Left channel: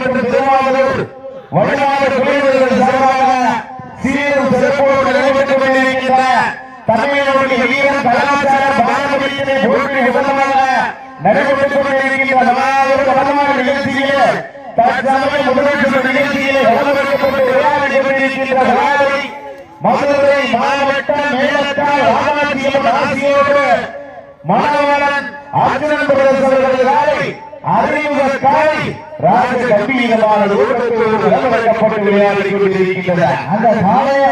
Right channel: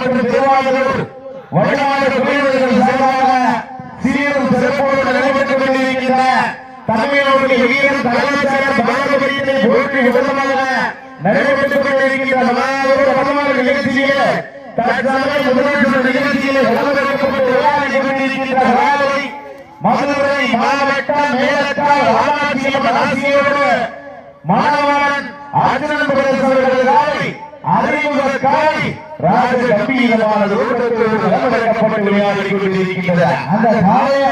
மற்றும் திருவாரூர் வடமாடு குழுவினர்கள் சார்பாக சீரும் சிறப்போடு நடைபெற்றுக் கொண்டிருக்கின்ற தமிழனுடைய ஈரம் கலாச்சார பாரம்பரியத்தின் போட்டியின் விதமாக நடைபெற்றுக் கொண்டிருக்கின்ற மாபெரும் வடமாடு நிகழ்ச்சியிலே தற்சமயம் முதலமைச்சர் நிகழ்ச்சியிலே வளர்க்கப்பட்டு விளையாடி கொண்டிருக்கின்ற மாலை மதுரை மாவட்டம் மேலத்தால் ராமாட்சியம்மன் ஆசியோடு மாணவன் அர்ஜுனன் பிரதேச அறிமுக காலை ராஜ கம்பீரமான விளையாடி அந்த சாலையை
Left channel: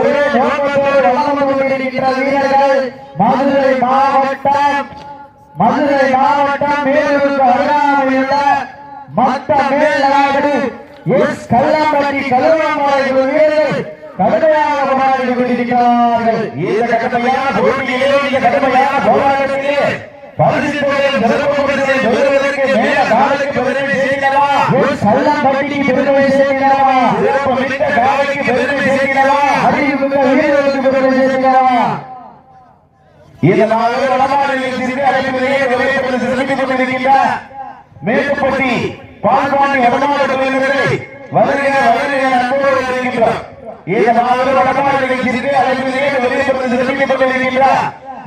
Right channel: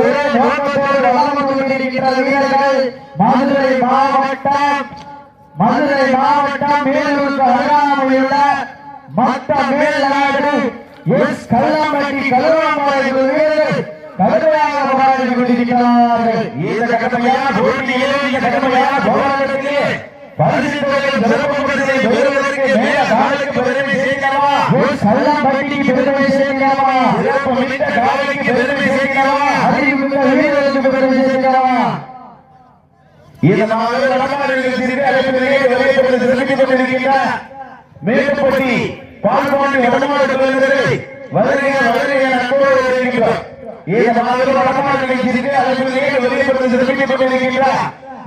ஒரே நோக்கத்தோடு வலம் வந்து கொண்டிருக்கின்ற வீரர்கள். மதுரை மாவட்டம் மதுரை மாவட்டம் மேலூருக்கு அருகாமையுள்ள மத்த மேல்நாடு எஸ் கல்லம்பட்டி கல்வாம்பாறை வீரர்கள் கடுமையாக போராடி கொண்டிருக்கிறார்கள் இந்த கட்டமையான போட்டியிலே இந்த கட்டமையான போராட்டத்திலே சிறப்பு பரிசை பெறுவதற்கு மேல நாளுக்கு பெருமை சேர்க்கிறவா? கல்லம்பட்டிக்கு பெருமை சேர்க்கிறவா? சிறப்பு மிக்க காலைக்கு பெருமை சேர்க்கிறவா? வீரர்களுக்கு பெருமை சேர்க்கிறவா? மேட்டுப்பட்டி பால்பாண்டி வடமாடு பெறுகிறதை வருக வருக அன்போடு வருகின்றோம் இந்த மாபெரும் வடமாநில சிறுகலைப்பிலேயே விளையாடுவது சிறப்பித்துக் கொண்டிருக்கின்ற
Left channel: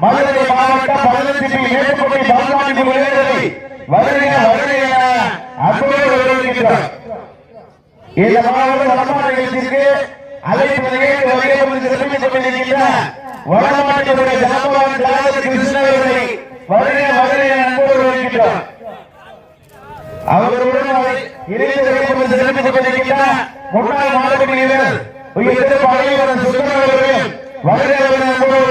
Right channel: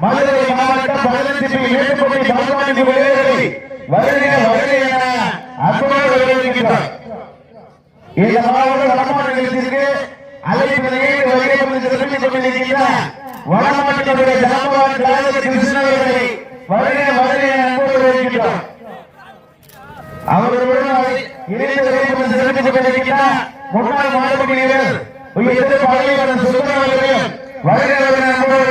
மதுரை மாவட்டம் பள்ளத்திற்கு மேட்டுப்பட்டி பால்பாண்டி பெறுகிறதை வருக வருக என அன்போடு வருகின்றோம் இந்த மாவட்ட வடமாநிலத்திற்கு அழைப்பிலேயே விளையாடுவது சிறப்பித்துக் கொண்டிருக்கின்ற வடமாட்டினுடைய சாம்பவன் கலாபதி கிருஷ்ணவர்களை வருக வருக என அன்போடு வருகின்றோம் அவர்களுடன் இணைந்து வெளிப்பட்டு சிறப்பித்துக் கொண்டிருக்கின்ற முன்னாள் மாவட்ட வீரர் உயர்ந்த பழையவரது சுந்தரவர்களையும் வருக வருக அன்போடு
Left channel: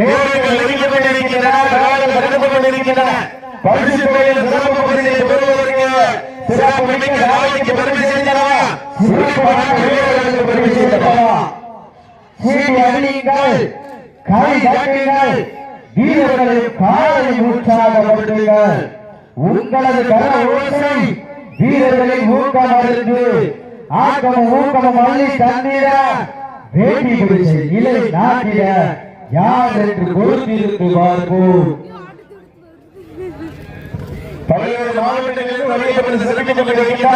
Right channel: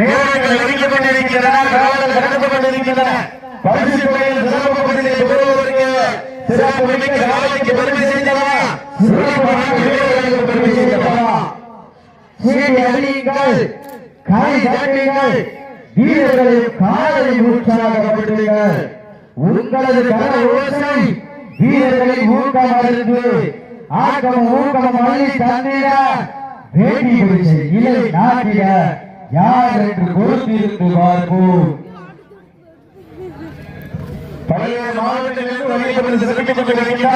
நேரங்கள் நெருங்கிக் கொண்டிருக்கின்றன கடந்து கொண்டிருக்கின்றன. பரிசு பெயர் சிறப்பு பரிசை பெறுவதற்கு சிறப்பு மிக்க நாளைக்கு பெருமை செய்தனவா சிறப்பு வீரர்களுக்கு பெருமை செய்தனவா சீட்டி அணியுங்கள் கை தாக்குங்கள் வீரர்களை காலை உற்சாகப்படுத்துங்கள் உங்களது கர ஓசை வீரர்களை ஊக்கம் அடைந்து ஆக்கம் ஊக்கம் அள்ளி தந்திட வேண்டி பிடிச்சு இலை நாட்டிட யார் என்று கொடுத்திருந்து பார்ப்போம். பல்வேறு மாவட்டங்களில் வகையில் பரிசு சிறப்பித்துக் கொண்டிருக்கின்ற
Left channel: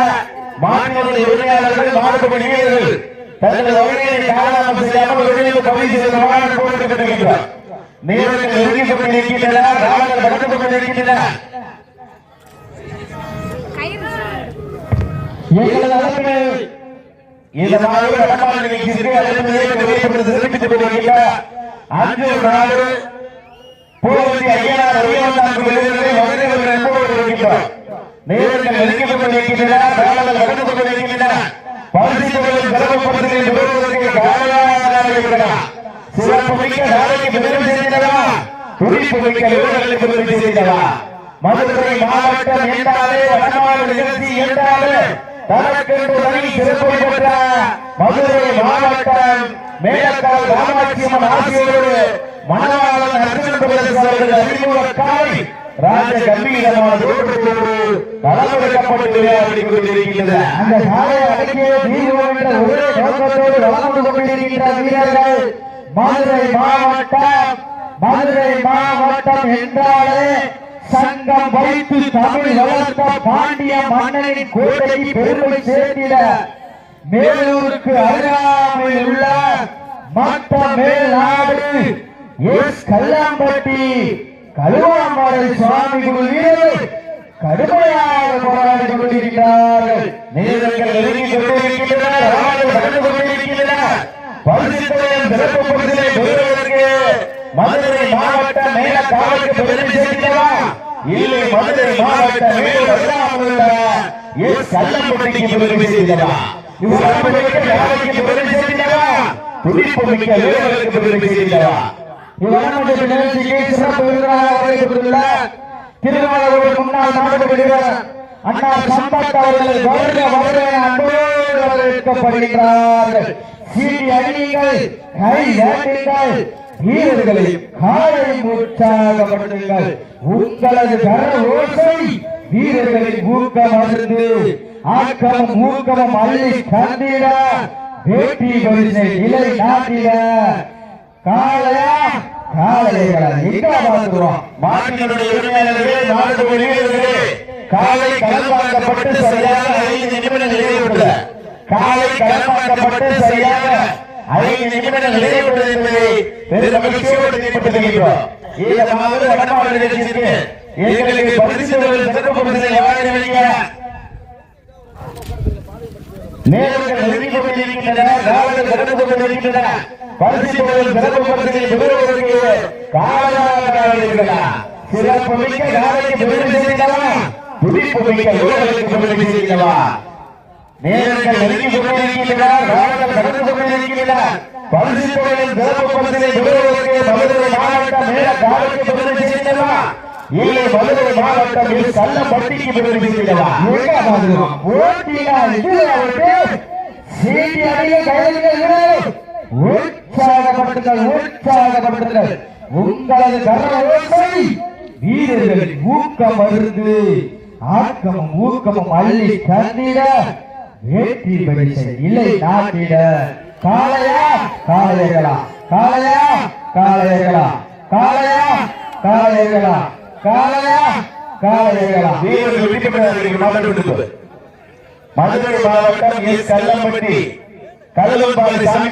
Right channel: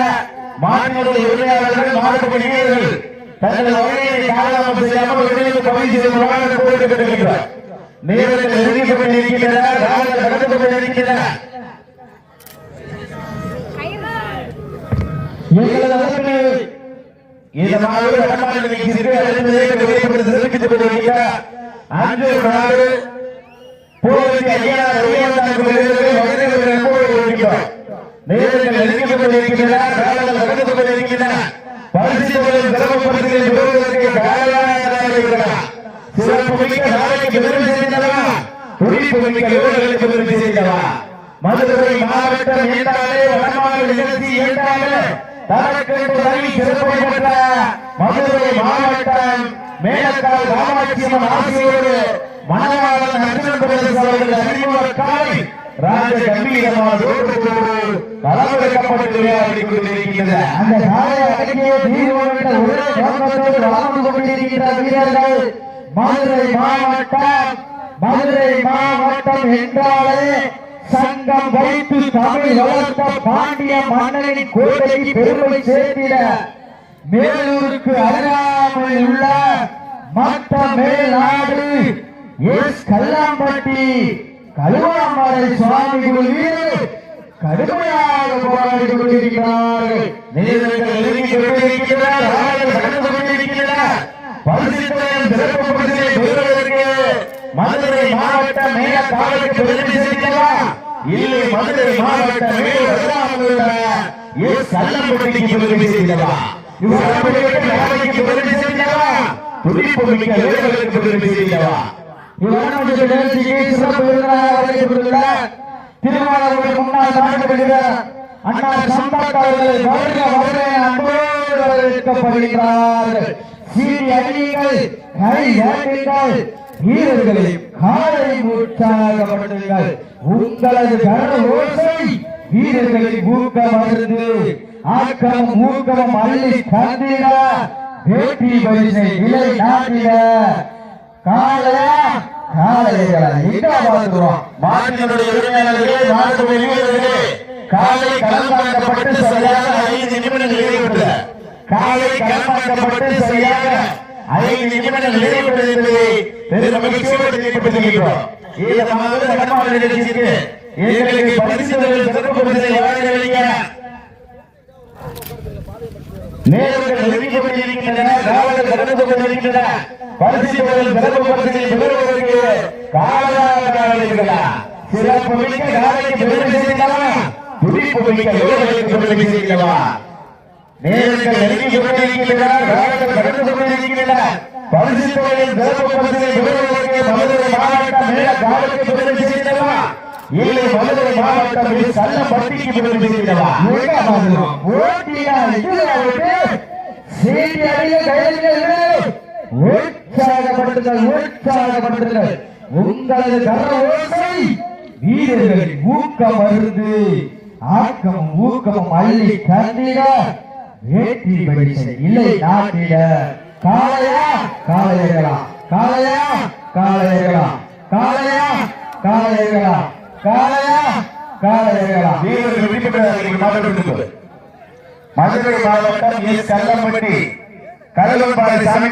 மாநில உரிமையாளர்கள் மாவட்ட வீரர்கள் தங்கள் வகையை காலாமல் செய்யாமல் வெளியில் பயிற்சி செய்வதாக போட்டு கட்டுகின்றனர் நேரங்கள் ஒதுக்கிக் கொண்டிருக்கின்றன நாட்கள் நடந்து கொண்டிருக்கின்றன எங்கள் இந்த மாவட்ட வடமாநில சிறப்பித்துக் கொண்டிருக்கின்ற அஞ்சு நாடு பூர்வதி ஐயனார் உயர்வந்தார் விருதுகளை வருகிறவர் என்போடு வருகின்றோம் நேரங்கள் நெருங்கிக் கொண்டிருக்கின்றன காலங்கள் கடந்து கொண்டிருக்கின்றன பரிசுகளும் சிறப்பு பரிசுகளை பெறுவதற்கு காலையாக இருக்கிறதா சிறப்பு மிக்க நாளைக்கு பெருமை செய்தனவா துடிப்பு மிக்க வீரர்களுக்கு பெருமை செய்தனவா மதுரை மாவட்டம் என்றாலே வடமாநில நிகழ்ச்சி என்றாலே சிறப்பை பெற்ற மதுரை மாவட்டம் மேலக்கால் ராமலட்சுமன் ஆசியோடு மணவாளன் அர்ஜுன் பிரதேச அவர்கள் அறிமுக காலை ராஜ கம்பீரமான ஓட்டத்தோடு களமிறக்கப்பட்டு விளையாடி கொண்டிருக்கின்றன. அந்த சாலையை அடக்கிய தீர்வோம் ஒரே கொண்டிருக்கின்ற வீரர்கள் மதுரை மாவட்டம் மதுரை மாவட்டம் என்றாலே சங்கம் வைத்து தமிழ் வளர்த்த பாண்டிய மன்னனின் கோட்டைக்கு பெருமை சேர்த்திட மேலூருக்கு அருகாமையில் உள்ள மத்த மேல்நாடு எஸ் கல்லாம்பட்டி கருவாமலை சுவாமி வீரர்கள் கடுமையாக போராடி கொண்டிருக்கிறார்கள் நேரங்கள் நெருங்கிக் கொண்டிருக்கின்றன நாடுகள் கடந்து கொண்டிருக்கின்றன பரிசுத்தையும் சிறப்பு பரிசை பெறுவதற்கு மதுரை மாவட்ட மேல காலுக்கு பெருமை செய்கிறவா இல்லை மதுரை மாவட்ட மேல வருவாங்க எஸ் பெருமை செய்கிறவா சிறப்பு பெருமை செய்கிறவா துடிப்பு மிக்க வீரர்களுக்கு பெருமை செய்கிறவா இவ்வளவு நிகழ்ச்சிக்கு சிறப்பு விருந்தினராக அழைக்கப்பட்டுள்ள திருமணம் முன்னாள் மாற்றப்படுகிறார் அண்ணா சம்பத் வருக வருக அன்போடு வரவேற்கப்படுகிறார்கள் கை காலை உற்சாகப்படுத்துங்கள் உங்களது கர ஓசை வீரர்களை ஊக்கம் அருந்து ஆக்கம் ஊக்கம் அள்ளி கந்திட வேட்டி பரிசை இலை நாட்டிட. காலையா காலையா எங்க பார்க்கிறோம் மாட்டினுடைய உரிமையாளர்களே மாட்டு வீரர்களே காலை களமாக்கப்பட்டு மகிழ்ச்சியோடு இந்த மாத வடமாநில நிகழ்ச்சிக்கு எங்களுக்கு பரிசுகளை சிறப்பு பரிசனை வழங்க நேரங்கள் நெருங்கிக் கொண்டிருக்கின்றன காவலர்கள் கடந்து கொண்டிருக்கின்றன. பரிசுகளும் சிறப்பு பரிசனை பெறுவதற்கு காரணமாக சிறப்பு மிக்க காலைக்கு பெருமை செய்தவா துடிப்பு மிக்க வீரர்களுக்கு பெருமை செய்தவா நேரங்கள் நெருங்கிக் கொண்டிருக்கின்றன கொண்டிருக்கின்றன. பரிசுகளில் பரிசனை பெறுவதற்கு மதுரை மாவட்டம் மேற்கு பெருமை செய்தவா இல்லை மதுரை மாவட்டம் சல்லப்பட்டிக்கு பெருமை செய்தவா உற்சாகப்படுத்துங்கள் உற்சாகப்படுத்துங்கள். உங்களது கரவோசை வீரர்களின் ஊக்கம் வருது ஆக்கம் ஊக்கம் அள்ளி தந்திட. வேற்றி பரிசை இல்லை நாட்டிட. காளையா காளையர்களா காளையா காளையர்களா காளையா காளையர்களா காளையா காளையர்களா வீரர்கள் வெற்றி பெற்றவர்களுக்கு மாவட்டம் மதுரை மாவட்டம் எஸ் கல்லம்பட்டி கடலூர் சாமி